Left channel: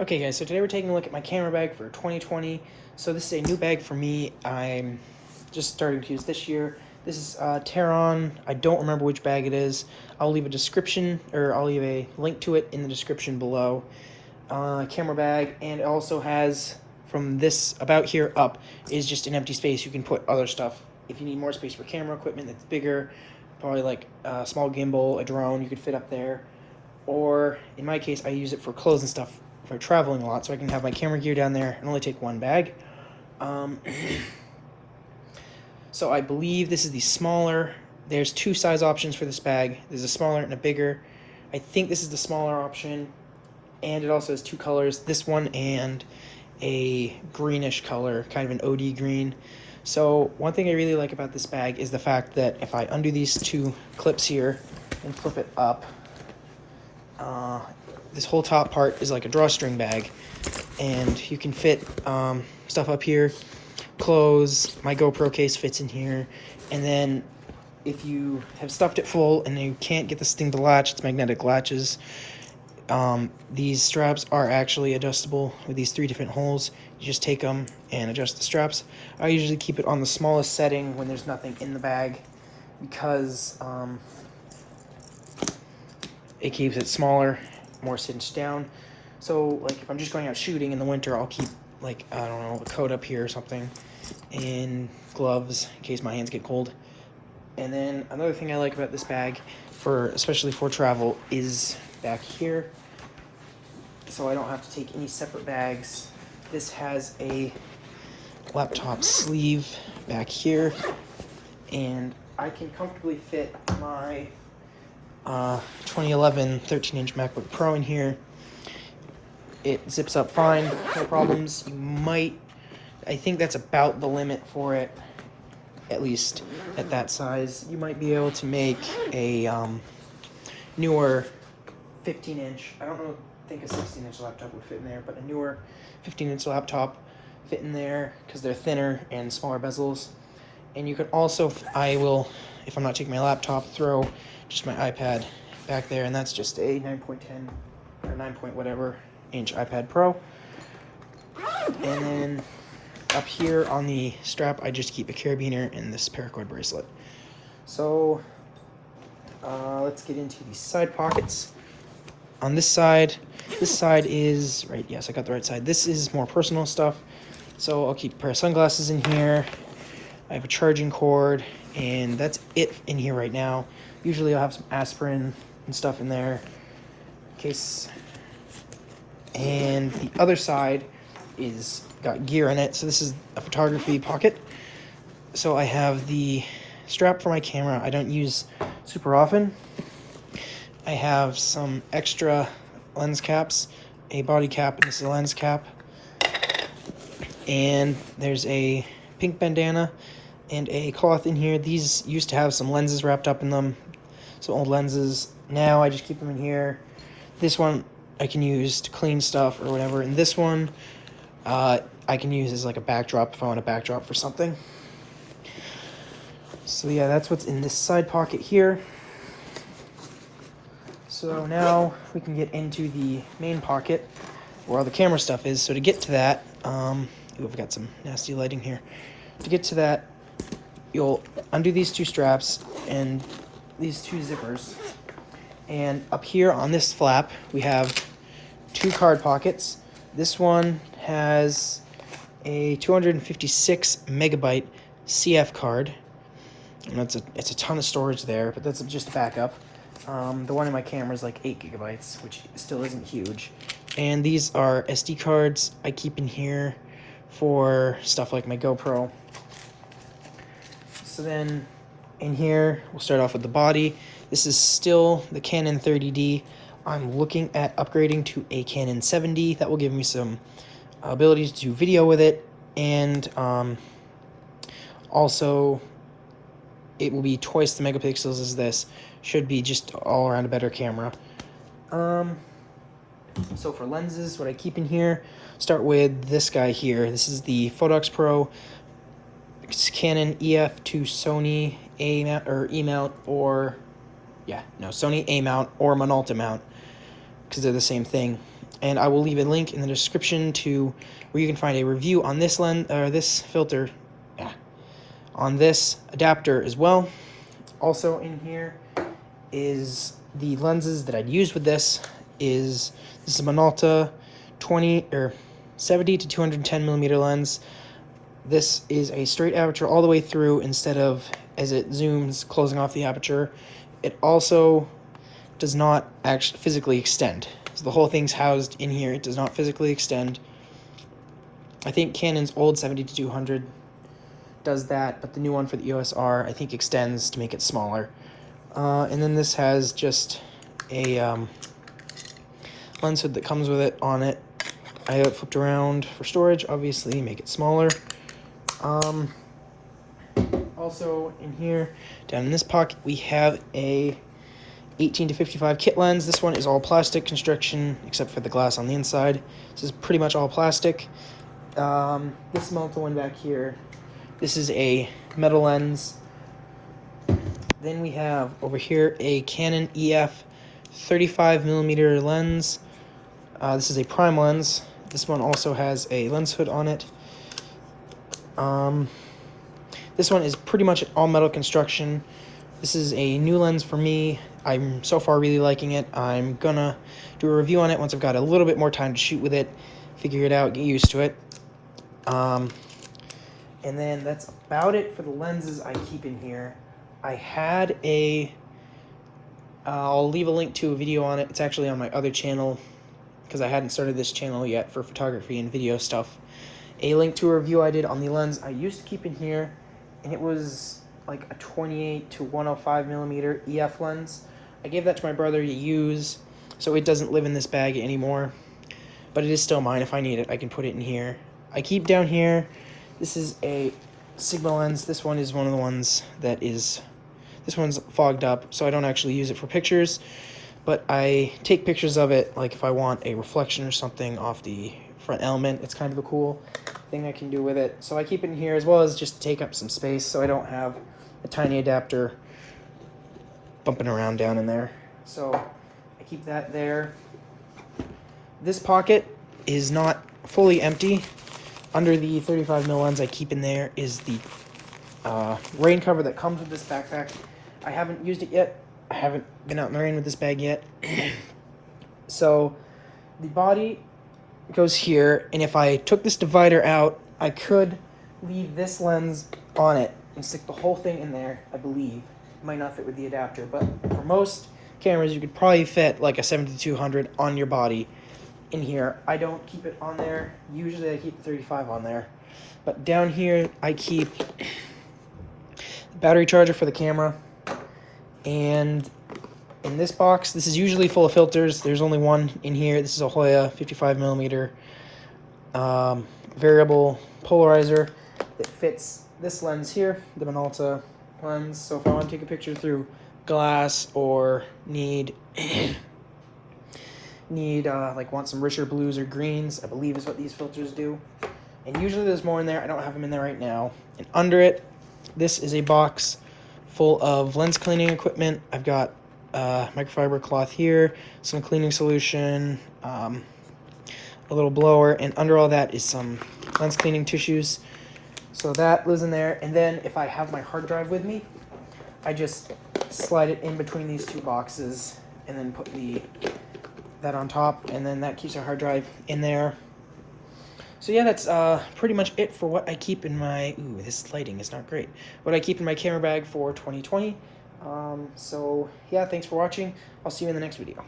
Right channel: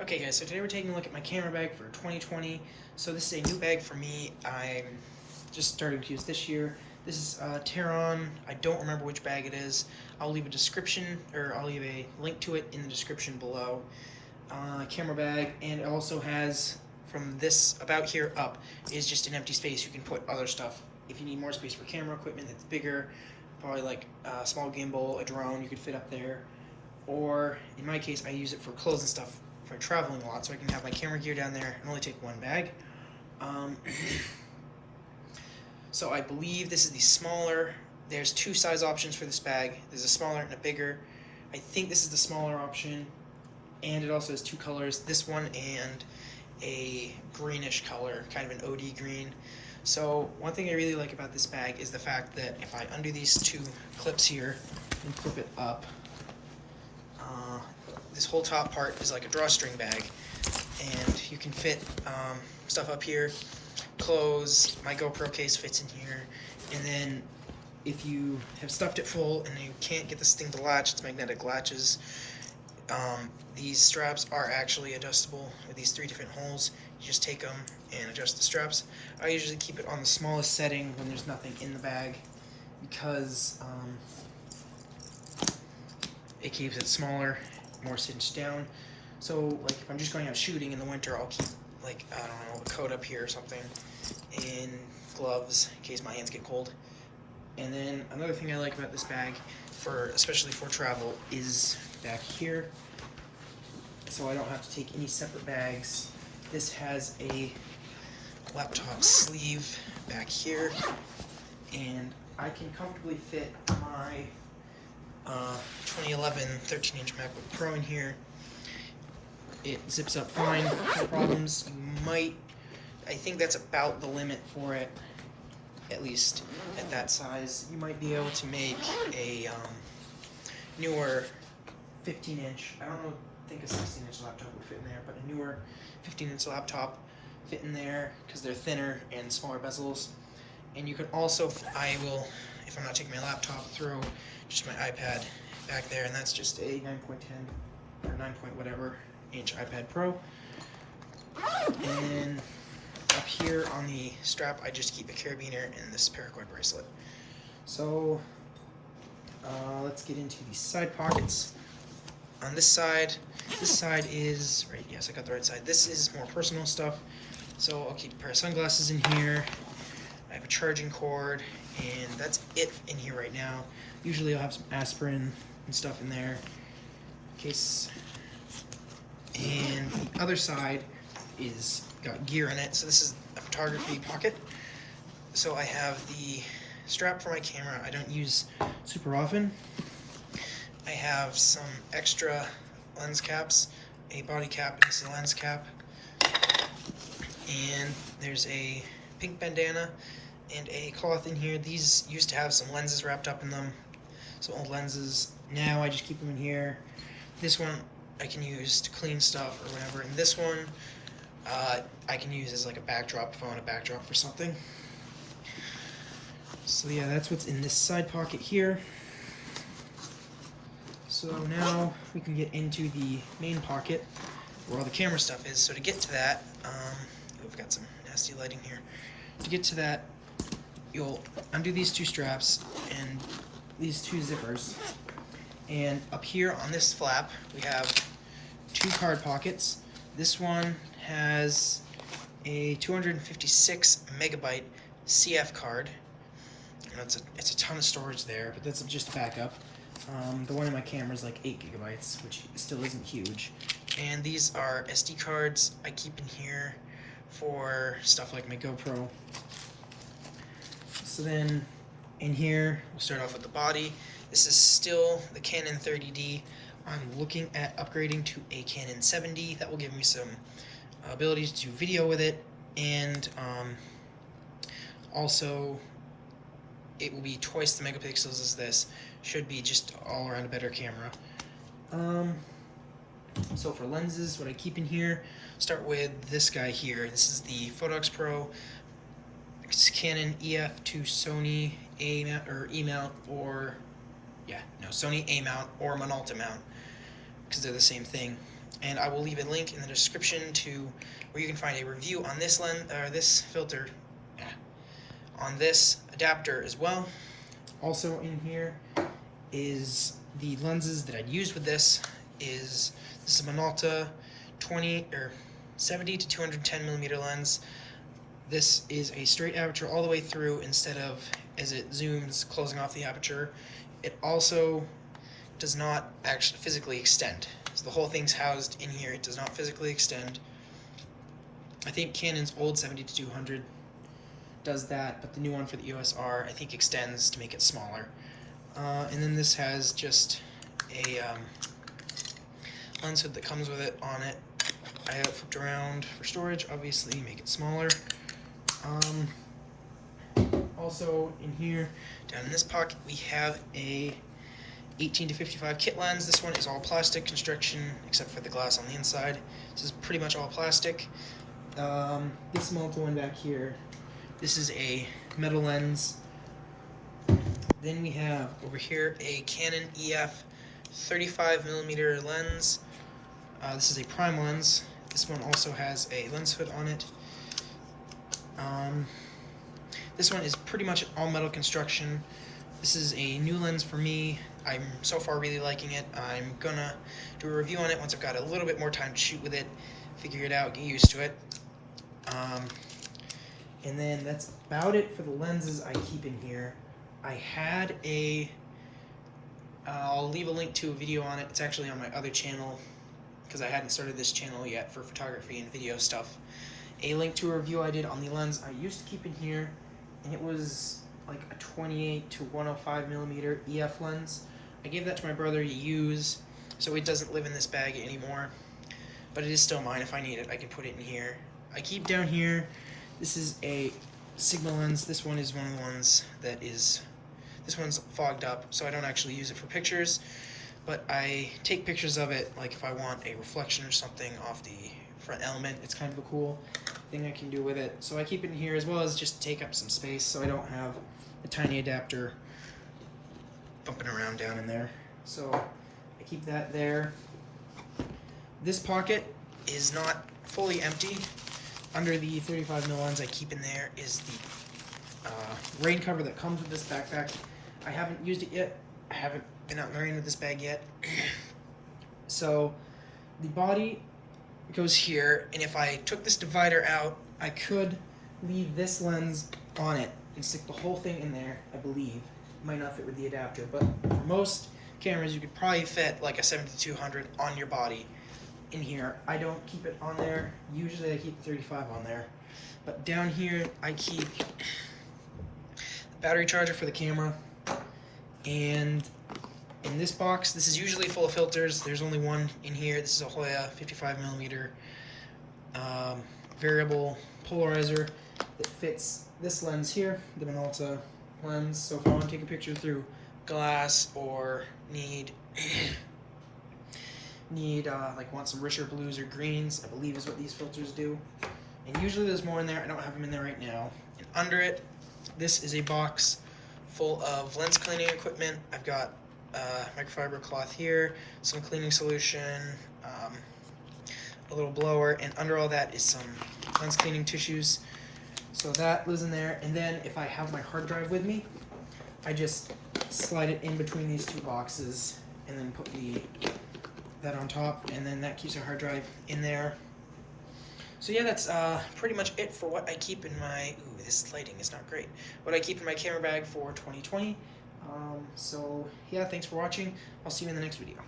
Okay guys, so today we're taking a look at my camera bag for 2020. So this is a new bag for me. I'm just starting to use this year. This is TARION. I don't remember which bag it is. I'll leave a description, or I'll leave a link to it in the description below. Camera bag, and it also has, from this about here up, is just an empty space. You can put other stuff. If you need more space for camera equipment that's bigger, probably like a small gimbal, a drone, you could fit up there. Or in my case, I use it for clothes and stuff for traveling a lot, so I can have my camera gear down there and only take one bag. So I believe this is the smaller. There's two size options for this bag. There's a smaller and a bigger. I think this is the smaller option, and it also has two colors, this one and a greenish color, kind of an OD green. So one thing I really like about this bag is the fact that if I undo these two clips here and flip it up, this whole top part is like a drawstring bag, and you can fit stuff up here, clothes. My GoPro case fits in here, and then if you have stuffed it full and you can't get this thing to latch, it's magnetic latches. These straps are actually adjustable with these three different holes. You just take them and adjust the straps. I usually keep it on the smallest setting when there's nothing in the bag, because it keeps it smaller, more cinched down. So like if I'm just going out shooting in the winter, I'll keep, like, I don't know, a coat up here or something, and gloves in case my hands get cold. And then another thing I like about this bag, especially for travel, is back here, so I don't have to take any separate bags. This has a laptop sleeve back here, and I can comfortably fit my 2011 13-inch MacBook Pro in here. It zips up fine, no problems. I think that's about the limit for it, at least at that size. You might be able to make a newer 15-inch, I think a 16-inch laptop would fit in there, but a newer 15-inch laptop fit in there because they're thinner and smaller bezels. And you could also, I will, if I'm not taking my laptop, throw just my iPad back there, and that's just a 9.10 or 9 point whatever inch iPad Pro. And then up here on the strap, I just keep a carabiner and this paracord bracelet. So let's get into the side pockets. On this side is, right, yes, I got the right side. This is more personal stuff. So I'll keep a pair of sunglasses in here. I have a charging cord, and that's it in here right now. Usually I'll have some aspirin and stuff in there in case. And the other side is got gear in it. So this is a photography pocket. So I have the strap for my camera. I don't use super often. I have some extra lens caps, a body cap, and this is a lens cap. And there's a pink bandana and a cloth in here. These used to have some lenses wrapped up in them, some old lenses. Now I just keep them in here. This one I can use to clean stuff or whatever, and this one I can use as like a backdrop if I want a backdrop for something. So yeah, that's what's in this side pocket here. So now we can get into the main pocket where all the camera stuff is. So to get to that, I've got some nasty lighting here. To get to that, you'll undo these two straps and these two zippers. And up here on this flap, we have two card pockets. This one has a 256 megabyte CF card. And it's a ton of storage there, but that's just a backup. The one in my camera is like 8 gigabytes, which still isn't huge. And these are SD cards I keep in here for stuff like my GoPro. So then in here, we'll start off with the body. This is still the Canon 30D. I'm looking at upgrading to a Canon 7D. That will give me some ability to do video with it, and also it will be twice the megapixels as this. Should be just all around a better camera. So for lenses, what I keep in here, start with this guy here. This is the Photox Pro. It's Canon EF to Sony A mount or E mount, or Sony A mount or Minolta mount, because they're the same thing. and I will leave a link in the description to where you can find a review on this lens, or this filter, on this adapter as well. Also in here is the lenses that I'd use with this. This is a Minolta 70 to 210 millimeter lens. This is a straight aperture all the way through instead of, as it zooms, closing off the aperture. It also does not actually physically extend. So the whole thing's housed in here. It does not physically extend. I think Canon's old 70 to 200 does that, but the new one for the EOS R I think extends to make it smaller. And then this has just a lens hood that comes with it on it. I have it flipped around for storage, obviously, make it smaller. Also in here, down in this pocket, we have a 18 to 55 kit lens. This one is all plastic construction, except for the glass on the inside. This is pretty much all plastic. This Minolta one back here, this is a metal lens. Then we have over here a Canon EF 35mm lens. This is a prime lens. This one also has a lens hood on it. This one is pretty much all metal construction. This is a new lens for me. I'm so far really liking it. I'm gonna do a review on it once I've got a little bit more time to shoot with it, figure it out, get used to it. And then that's about it for the lenses I keep in here. I had I'll leave a link to a video on it. It's actually on my other channel because I hadn't started this channel yet for photography and video stuff. A link to a review I did on the lens I used to keep in here, and it was like a 28 to 105mm EF lens. I gave that to my brother to use, so it doesn't live in this bag anymore, but it is still mine. If I need it, I can put it in here. I keep down here, this is a Sigma lens. This one is one of the ones that is, this one's fogged up, so I don't actually use it for pictures, but I take pictures of it, like if I want a reflection or something off the front element. It's kind of a cool thing I can do with it. So I keep it in here as well as just to take up some space so I don't have a tiny adapter bumping around down in there. So I keep that there. This pocket is not fully empty. Under the 35mm lens I keep in there is the rain cover that comes with this backpack. I haven't used it yet. I haven't been out in the rain with this bag yet. So the body goes here, and if I took this divider out, I could leave this lens on it and stick the whole thing in there, I believe. It might not fit with the adapter, but for most cameras, you could probably fit like a 70-200 on your body in here. I don't keep it on there. Usually I keep the 35 on there. But down here, I keep the battery charger for the camera. And in this box, this is usually full of filters. There's only one in here. This is a Hoya 55mm variable polarizer that fits this lens here, the Minolta lens. So if I want to take a picture through glass or need like want some richer blues or greens, I believe is what these filters do. And usually there's more in there. I don't have them in there right now. And under it, this is a box full of lens cleaning equipment. I've got microfiber cloth here, some cleaning solution, a little blower, and under all that is some lens cleaning tissues. So that lives in there. And then if I have my hard drive with me, I just slide it in between these two boxes and then put that on top, and then that keeps our hard drive in there. So yeah, that's pretty much it for what I keep in my, this lighting is not great, what I keep in my camera bag for 2020. So yeah, thanks for watching. I'll see you in the next video.